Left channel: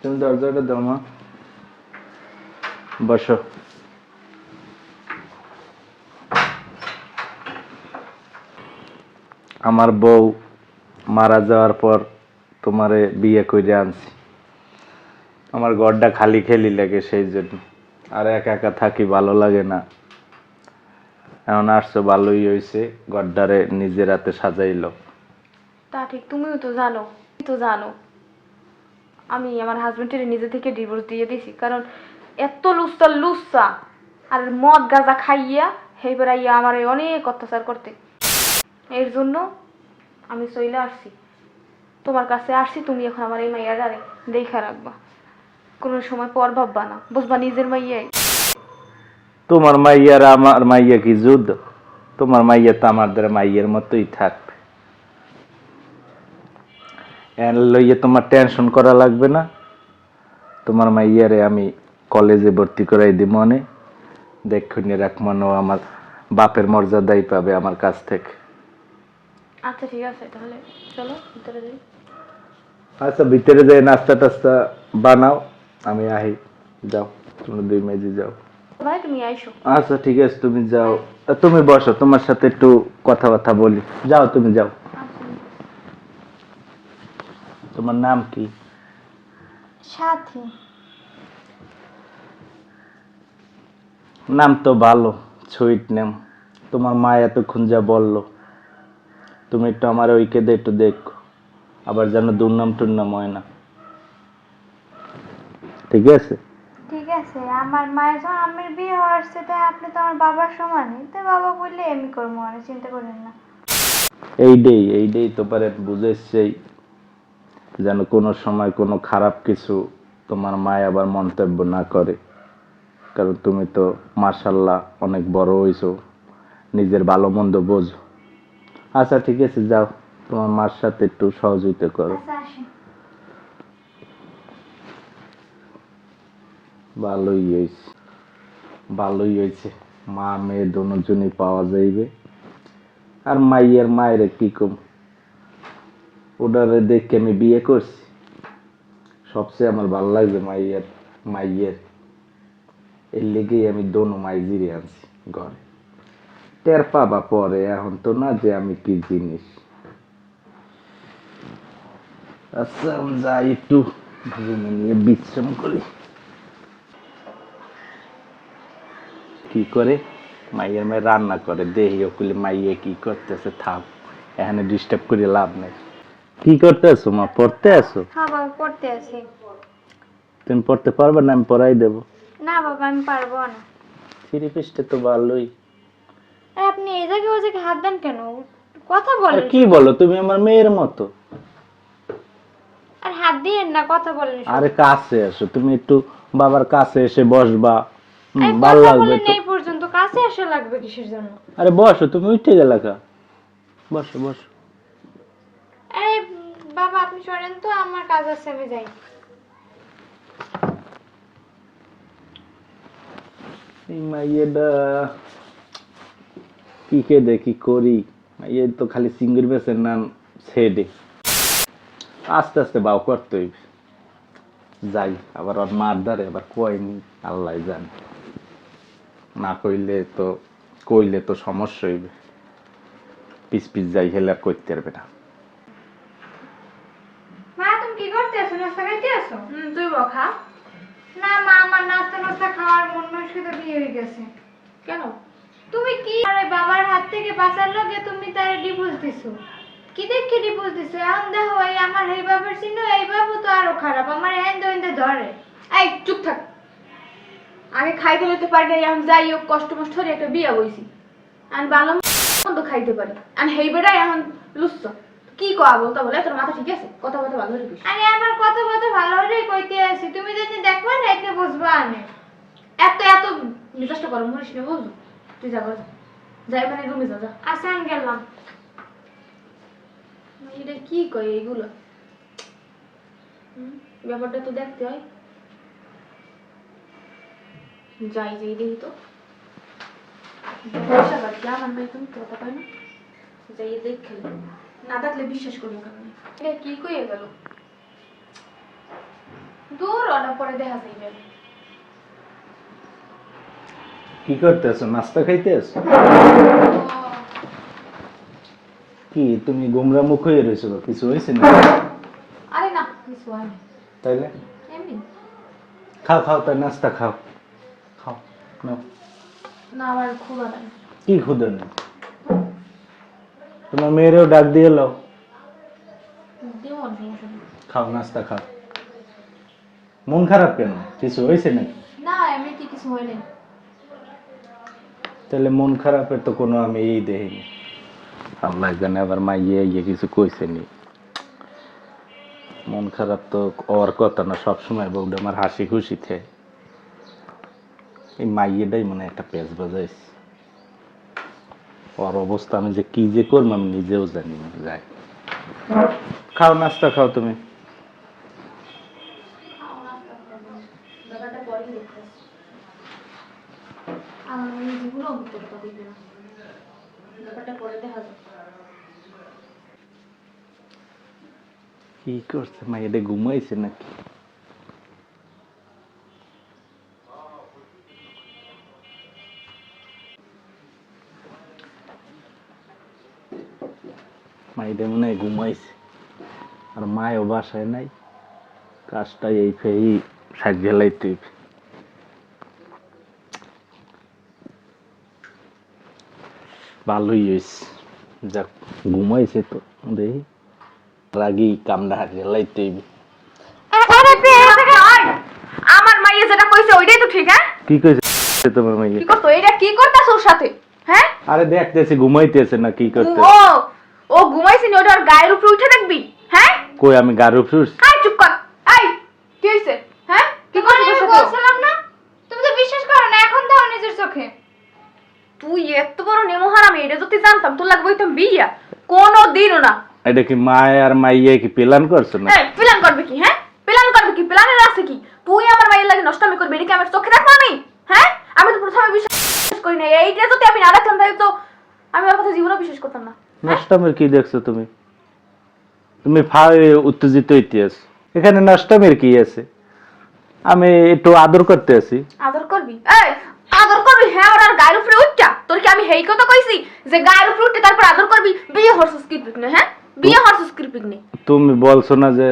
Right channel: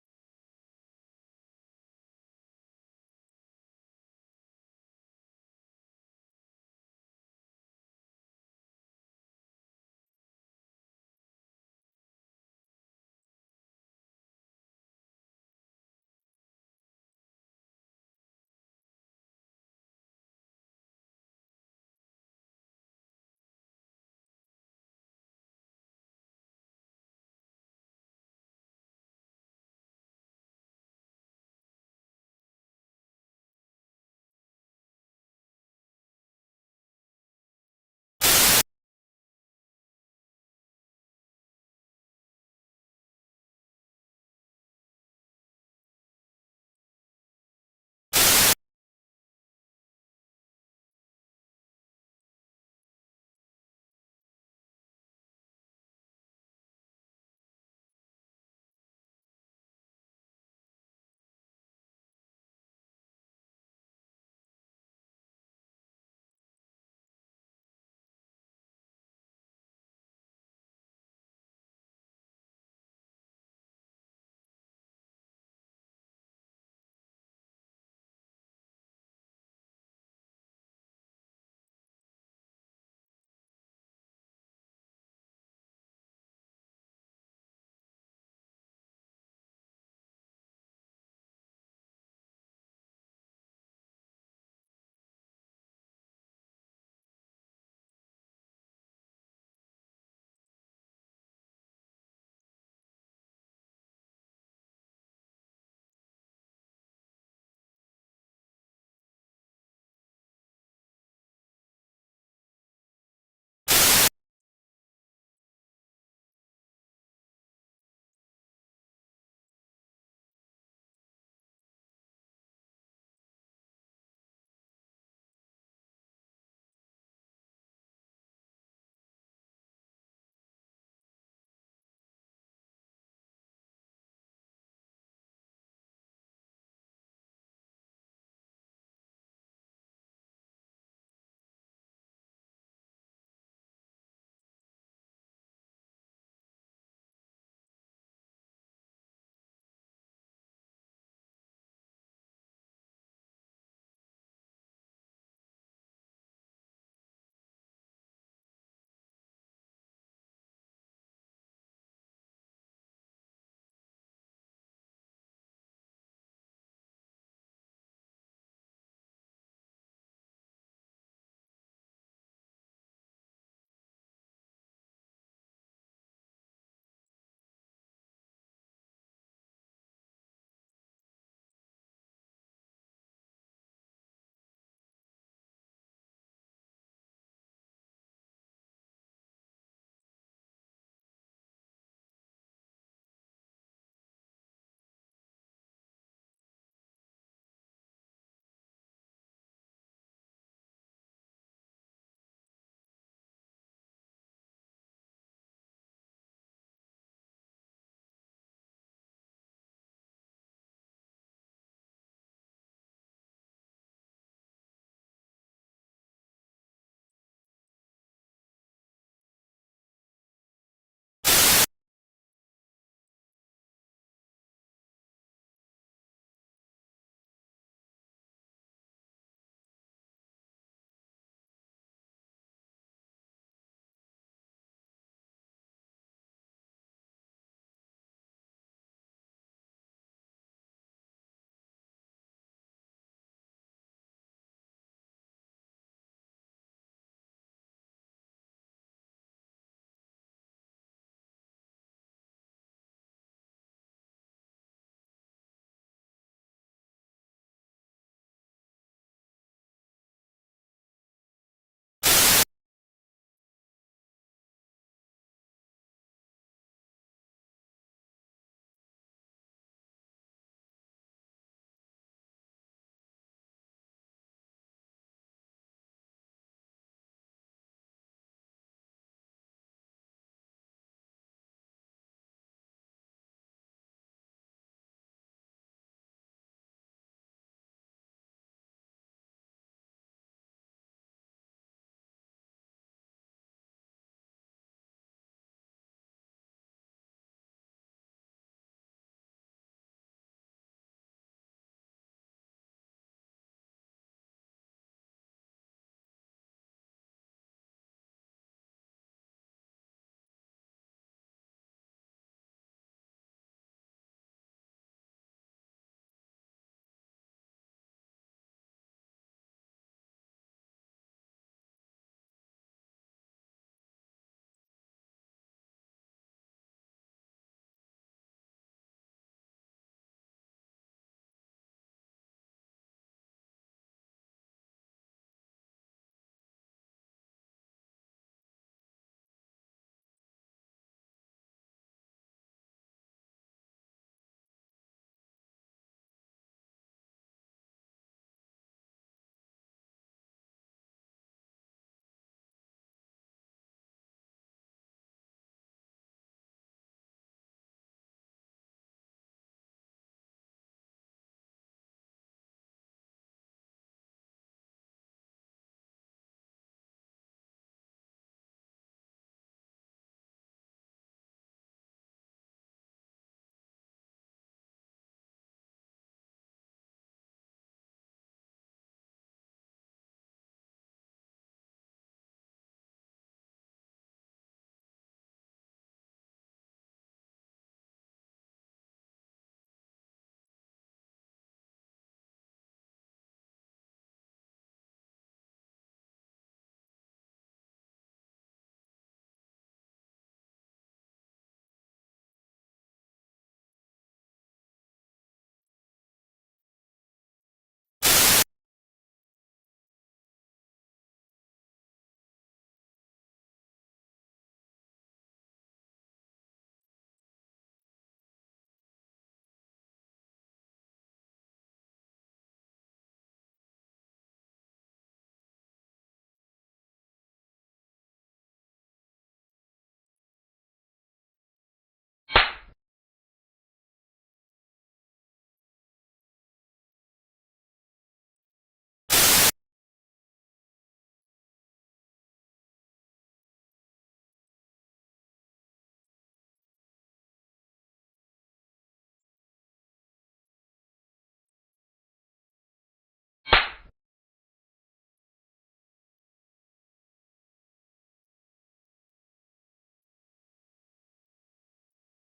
তুমি দরজাটা দাও মা বসো আমার বউ মারা যাওয়ার পর তোমারে বিয়ে করে আনছি। আমার ঘরটা খালি খেলি লাগে সেই জন্য। আর একা একা থাকি ভালো লাগে না। এখন আসছো, ভালোই হয়েছে ঘরটারে নিজের হাতে সাজাইলো। তা ঠিক, তুমিও তো জানো তো জানো। আমি আমার হাজবেন্ডের নিজে থেকে ডিভোর্স দিয়ে দিয়েছি কারণ এত লুচ্চা লুচ্চা। আর মদ, গাঁজা খাইয়া সেই বেড়াইয়া আমার অনেক অত্যাচার করতে। এর জন্য আমি চইলে আসছি। তোমার কাছে আসছি, তুমি এখন আমার এই মাইয়া মাইয়াটারে দেখা রাখবা। কোনো সময় পর ভাববা না, বুঝবা নিজের মাইয়াই। তোমার মাইয়ার আমার মাইয়া কি যুদ্ধ? তোমার মাইয়া তো আমাদের মাইয়ের মতোই এর লইয়ে তোমার টেনশন করা লাগবে না। তোমার মাইয়ারে আমি কলেজে ভর্তি করাই দিব মনে। দেখুনি রাখ মনে ও আমার বাপের মর্যাদাই পাবে আমার কাছ থেকে। আচ্ছা ঠিক আছে তাহলে চলো ভিতরে যাই। আচ্ছা ভিতরে যাই নাস্তা টাস্তা বানাও। আমি আহি যাও তোমরা দুই মেজি যাও। ভাই তুমি আইসো। আচ্ছা ঠিক আছে তুমি যাও। তুমি বসো তোমার সাথে একটু কথাবার্তা বলি। যাও তুমি যাও। তোমার নাম কি? সাথী। নাম তো ভালো সুইট নেম তোমার মা এতক্ষণ যা বলল তুমি একটু আমার ওইকে দে একটু দেখো। আবার যেন দুর্নাম টুর্নাম হয় না। ঠিক আছে? ঠিক আছে আমার মায়ের যখন আমার বিয়ে হওয়ার সাথে আপনি তো আমার বাবার সমানই তো বাবা বললে আমি করব মানে চিন্তা করেন না। এই ডেই এই ডেই তো পারে বুঝেছেই যেন কোনো সময় কোনো খারাপ কিছু তোমার মায় আবার মন্তব্য না করে। কারণ তুমি তো মার্শাল্লাহ অনেক বড় হইছো নিজের ভালো মন্দ বোঝো। আচ্ছা ঠিক আছে যাও। তোমার মার সাথে একটু সহযোগিতা করো। আচ্ছা ভালোই হয়েছে ভালোই হয়েছে মা মেয়ে দুজনই পাওয়া যাইবে। আর মাইয়ের মায়ের কি কম? ওটারে দেখে আমি বিয়ে করছি। সবচেয়ে আমার ভালো লাগছে মাইয়ের মাইয়ের। এর লেগেই আমি দোনো মাই জিরে আনছি ঘরে। টের পাবা পরে, এখন তো না যে আমি কি জিনিস। আচ্ছা যাই একটু নিয়ে বিশ্রাম করি। কি করে? মাইয়ের মেয়ে রান্না করে। দেহি, ওকুলে মাইয়ে কি করতেছে, থাক, এখানে ডিস্টার্ব করে লাভ নেই। কি করতে আসো মা? পড়তে আসো হ্যাঁ বাবা পড়তে আছি। তুমি পড়তে পারবে না আমি পড়াই দেবো। না বাবা আমি পারব না। থ্রি পিসটা তো ভালোই আপনি এই জায়গায় ওই জায়গায় হাত দেন কেন? কথা আর বলেন কি বলো? তুমি আমার মেয়ের মতো। আর হাত দিয়েন না কথা বলেন আরে কাছে আসো তুমি একটু বাবার কাছে এসে বসবা। ভালো লাগবে তো এই পর্যন্ত। কাছে আসা লাগবে কিসের জন্য? আরে বসো তুমি উঠে গেলে কা বসো বসো। বাবা, আপনি সরেন তো, আমার কাজ আছে, আমি যাই। কি কে দেখি করি তো খালি সিঙ্গির বেসের নাম ছেড়ে। আস্তে আস্তে বাও করতে যাই, আবার ওর মার ধারে আবার কয়নি আল্লাহ জানে। না কইলে তো কইলে তো সমস্যা হইবে। পিস পিস যাই হেলে আর করতে পারবে না মা তুমি কি করতে আছো আছো হুম তুই বখা না মা আমার নাস্তা নাস্তা খাওয়ার মন মানসিকতা বিয়ে হয়ে গেছে। কেন? তুমি কি আরে বাবার হাত থেকে বাঁচার লগে তুমি তার ডিভোর্স দিছো? কি দেখে ডিভোর্স দিছো? এখন দেখো এই আমার এই বাবার চিহ্ন এই বাবু তো আরও খারাপ। আমার হ্যান্ড হইন্দে ধরে। এই চুপ থাক। আগে খাইতে লইতে পারি না এখন যাই হোক কষ্ট মষ্ট করে একটা বিয়া বইছি আর ভালো মন্দ খাইতে পারি। আর হেই বেড়াই এখন লুচ্ছ। কি কয়া বলতে বলে? তোর মাথা ঠিক আছে? কথা বলতে ভালো হলে আরে আমার কত কত ভালো হলেই কইতে আছি তুমি যদি দেখবা না এতে বুঝবা আনে। এত এত মেজাজটা গরম করিস না বুঝলো তুই যা যা। যাই মানে রুমে যা যা। আচ্ছা আমি গেলাম। এটা কি কয় এইগুলো ব্যাপারটা তো দেখতে হয়। যাই যাই দেখি তো। আমার নাই তুমি কথা পাই না? যাই দেখ খেলে। না দেখলে বিশ্বাস করব কেন এটা কি কইয়ে গেল? দূর পোলাটা পরে দেখা যাইবে। কি করতেছো? নাস্তা খাইতেছ? কি তুমি গুমরা মুখ হয়ে রয়েছো কিছু হয়েছে না আরে না কিছু হয়নি তাইলে? এমনি। খাও খাও তাই নাস্তা খাও। খাও নাও। না আমার ক্ষুধা নাই। কি খুদে নেই? তোমার মেয়েরেও ডাক দিয়ে এলো। খাও নাস্তা খাও। মন খারাপ কেন? কিছু হয়েছে নাকি? না এমনিতে কিছু হয়নি। তাহলে মন খারাপের তো কোনো আমি এই দেখিনি। আল্লাহ জানে আবার মাইয়ে ইয়ে কিছু কইছে নি। মন খারাপ তো ওর কথা না সবসময় বউটা আমার হাসি খুশি থাকে। এই মাইয়েটাই মনে একটা পেঁচ বাজাইছে। ওর অবস্থা, আমি যে কি যে করব আমি নিজেও জানি না, যাই। খাও, নাস্তা খাও তুমি। কি করছে মাইয়েটা ঘুমাইছে নাকি? মাইটা মনে হয় ঘুমাইছে। আর মায়ও বাসায় নাই। কাজটা এই ফেই সাজ গেলাই তুই ভালোই হয়েছে যাক ঘুমাইছে তো দেখি রাগি কামড়া গেলাই তুই আমার মাইয়া যেটা কইছে ওইটাই তো ঠিক হ্যাঁ? কি কইছে তোমার মাইয়ে? কি করতো? এটা কি করতাছ ওর সাথে হ্যাঁ? আরে দেখতেছি ঘুমাইতেছে না কি করতে ও ও নি ওটা ওর গায়ের উপরে উঠে দেখবি হ্যাঁ? কই আমি গায়ের উপরে উঠছি? আই চুপ কর। আই কি হইছে? হ্যাঁ? কি করছিস বলছিলাম না? তুমি তো বিশ্বাস করো না এখন দাও নিজের চোখে। তুই এত বড় নেমহারাম আমি এটা যদি জানতাম তোর লাগবে হইতাম বিয়া। কোনো দিনও না। এটা কি মায় আর মাইয়ে কি প্ল্যান করছ না এই প্ল্যান করবে কি হ্যাঁ প্ল্যান করবে কি প্ল্যানের আছে কি তুই আমার মায়ের লাগে নষ্টমি করবি এটা কি আমার চোখে দেখব আমি হ্যাঁ আমি তো প্রথমে বিশ্বাস করি না এইটা যদি আমি না রাখতাম তাহলে তো আমি ওর কথা জীবনেও বিশ্বাস করতাম না নষ্টামের কি দেখছ তুমি? তুমি উত্তেজিত হইতে আছো। এখানে নষ্টামের কি আছে? আমি একটু আদর করতে আছি। আদর করবি? এই আদর করবি? হ্যাঁ ওর আর গায়ের উপরে উঠটা। তোর কি আমি হেই কথা কইছি? যে গায়ের উপরে উঠতে তারপর আদর করবি? বিয়ে হরসুস কি পিকনে হ্যাঁ? বিয়ে হরসুস কি পিকনে? তুমি বলছো না যে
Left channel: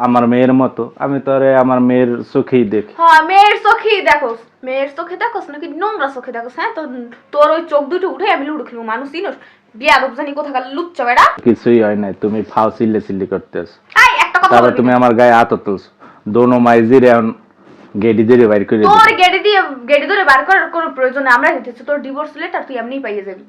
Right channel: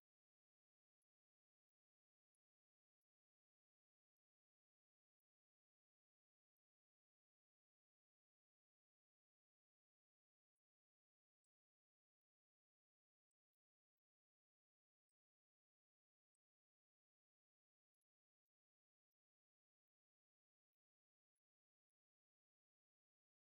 আমার মেয়ের মতো। আমি তো আরে আমার মেয়ের চোখেই দেখি। হ্যাঁ মেয়ের চোখেই দেখো মেয়ের চোখে দেখোস নাকি নোংরা চোখে দেখোস হ্যাঁ? তোর তোর ওই চোখ দুটো উঠে আমি লুডো খেলব মানুষ চিনোস বিয়ে আদব জানি কোথাকার লুচ্চা বেড়া? কিছুই হয় নাই তুমি ফাও চিল্লে চিল্লি করতে আছো। এই একটা কথা তারপর তুমি আমার গায়ে হাত তুলছো। দোনো মাইজির এখন গেডি বাইর করে তোর গেড়ি দিয়ে গেড়ি ধরে বার করার কোনো প্রয়োজন নেই আমরা দিতেছি তোর ডিভোর্স লেটার তুই এমনিই পাইয়ে যাবি।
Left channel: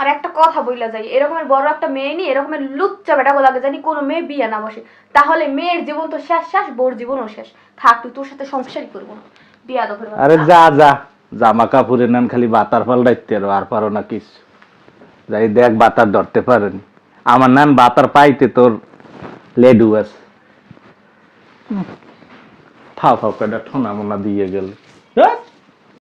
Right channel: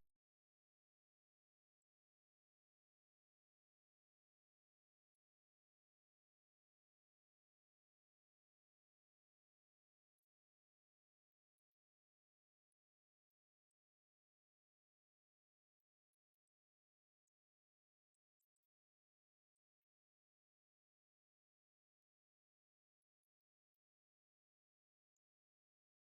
আর একটা কথা বইলা যাই এরকমের বড় একটা মেয়ে এরকমের লুচ্চা বেটা লাগে জানি কোনো মেয়ে বিয়ে না বসে। তাহলে মেয়ের জীবন তো শেষ শেষ বোর জীবনও শেষ। থাক তুই তোর সাথে সংসারই করব না। বিয়ে আদবের আরে যা যা। জামা কাপড়ের নান খালি বাতার পাল্টাইতে আর আর পারো না কিছু। যাই দেখ বাতার ধরতে পারেনি আমার নাম বাতার পাইতে তোর লেডু আছে। থাও থাও কেটা ঠোনা মোনা দিয়ে গেল ধ্যাৎ।